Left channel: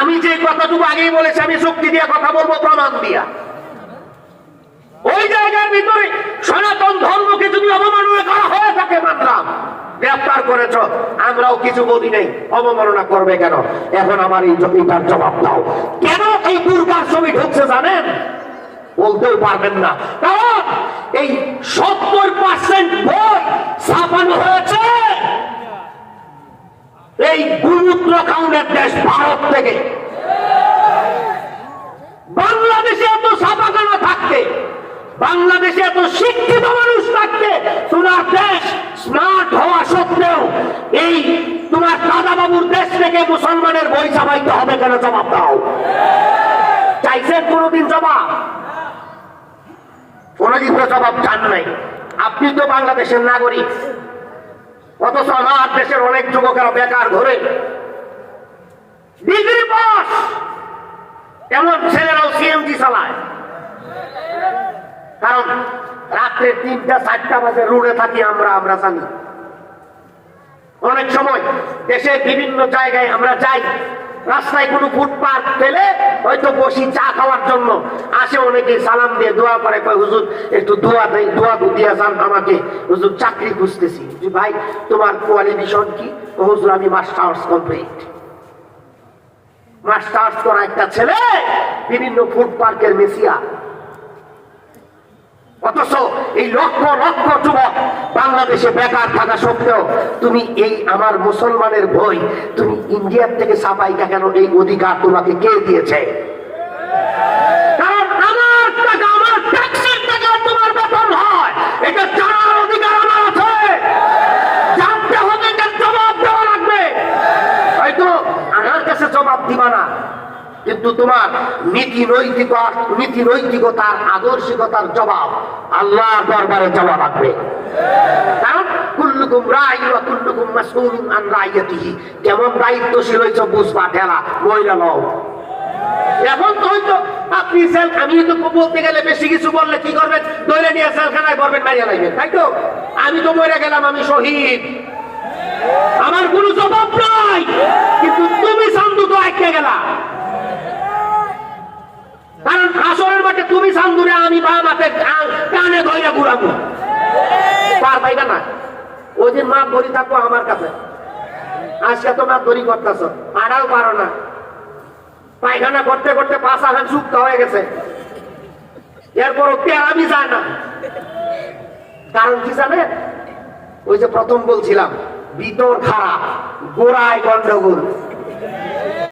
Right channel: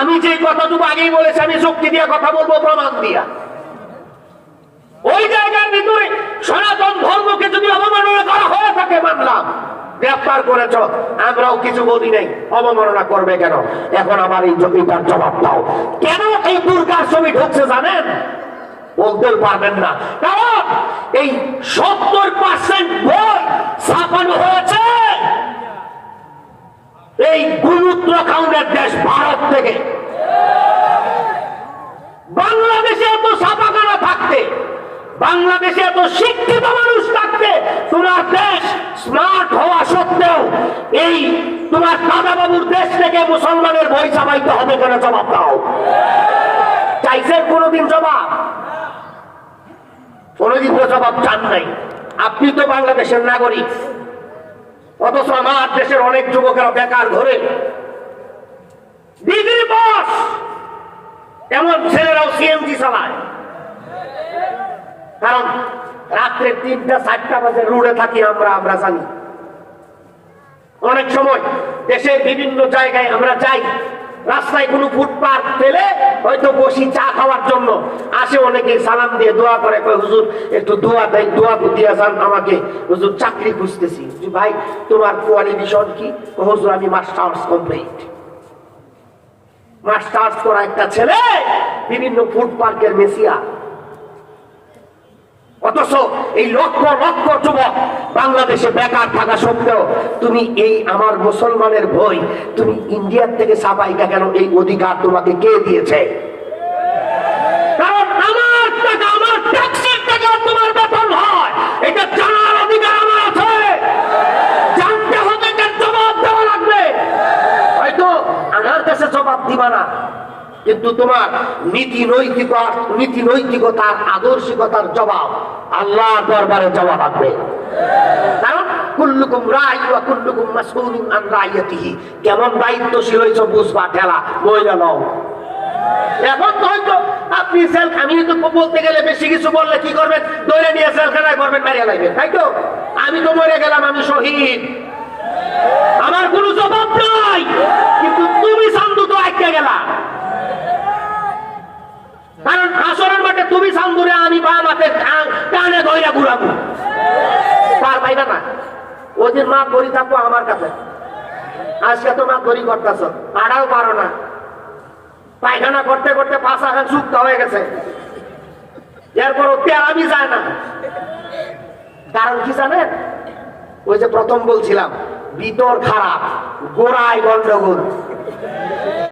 আমি যে কথাটুকু আগেই বলেছি, আমি যুক্তি দিয়ে কথা বলবো, প্রমাণ দিয়া। ওই জায়গার ভিতরে সনাতন ধর্মকে যদি অবমাননা করা হয়ে থাকে মানলাম, গ্রেফতার করেছ, আমরাও কিছু বলি নাই, অবমাননা করবে কেন? এখন আমার এই জমিটার জবাব দাও। কেন এই দুর্গার ছবি ঢুকছে জানেন? বলতেও পারবেন না, কারণ এই 70% বই ছাপানো হয়েছে এই গুরুত্ব খাউনের দেশ ভারত থেকে। বাংলাদেশে এত ছাপাখানা থাকতে, বাংলাদেশে এত শিক্ষিত মানুষ থাকতে, তোমার দেশ স্মার্ট হওয়া সত্ত্বেও এই তোমার দাদা বাবুর দেশ থেকে মুসলমানের বই ছাপাইতে হবে কেন? জবাব দাও। চাইছেন কোনদিন জবাব? কোনদিন তো জবাব চান নাই। আপনি তো বাংলাদেশের নাগরিক, অথচ আমার দেশের অনেক যুবকেরা বেকার ধরে ডিগ্রি পাস, এমন ছেলেরাও সিএনজি চালায়। কারণ রাত্রে 3টা 4টা বাজে রোডে থাকি আমরা জানি। অনেক সময় দেশের বিভিন্ন জায়গায় আমরা যাই, রাস্তায় কোনো ফুটপাত পেলে হয়তো বসি চা খাওয়ার জন্য, আসে অনেকে সালাম দিয়ে দোয়া করে, কয় হুজুর একটু দোয়া দেয়, দোয়া দিয়া যান আমাকে, হুজুর চাকরি খুঁজতেছি। ভাই তোমার কোয়ালিফিকেশন কি? হুজুর আমি মাস্টার্স কমপ্লিট। মাস্টার্স করা একটা ছেলে বিভিন্ন ফুড পার্কের মেসিয়া। অথচ এই লক্ষ লক্ষ যুবক বাংলাদেশে বেকার থাকা সত্ত্বেও তুমি এই আমার মুসলমানের বই তুমি ইন্ডিয়ার থেকে ছাপাইকা কেন? এই অধিকার তোমাকে কে দিয়েছে? কারণ আমার টাকা, আমার ট্যাক্সের টাকা তোমার বেতন হয়, এটা জানার অধিকার আমার আছে। জানতে হবে, এটার জবাব দেওয়া লাগবে। হয়তো আমার কাছে জবাব দিবা না, কিন্তু তোমার নীতি নৈতিকতার আদর্শিকতার জবাব আল্লাহর দরবারে যাওয়া লাগবে। কারণ কুল্লুকুম রাই ওয়া কুল্লুকুম মাসউলুন আন রাইয়াতিহি। কেমন দায়িত্বশীল হইছো বুঝবা, ঠেলা মহিলা লও। এখন তো হয়তো আপনি আমি তো বলতে গেলে বেশি কিছু বললে কি করবেন? ধরে নিয়ে জেলখানায় করবেন, মারিয়া লাগবেন, তাই তো? আমি তো মরে গেলাম, আমি শহীদ, আমার কোনো জবাব নাই। কিন্তু তুমি সান্দু তো আটকে গেলা। কারণ আসরের মাঠে তুমি সান্দুরে, আমি বা মাঠে কানে ধরে ঘুরাবো, পার পাইবে না। ওই দিন মা ধরি থাকবো আমার কাছে, আজকে তো মা ধরি করতেছ, আড়াও পারো না। পায়খানা করতে করতে পাশা হয়ে যুক্ত হয়ে গেছে, এরপর তেলামি যায় না। কারণ কি জানে? ওই যে প্রথম বলছিলাম, ভিতর খারাপ, গোড়ায় গন্ডগোল।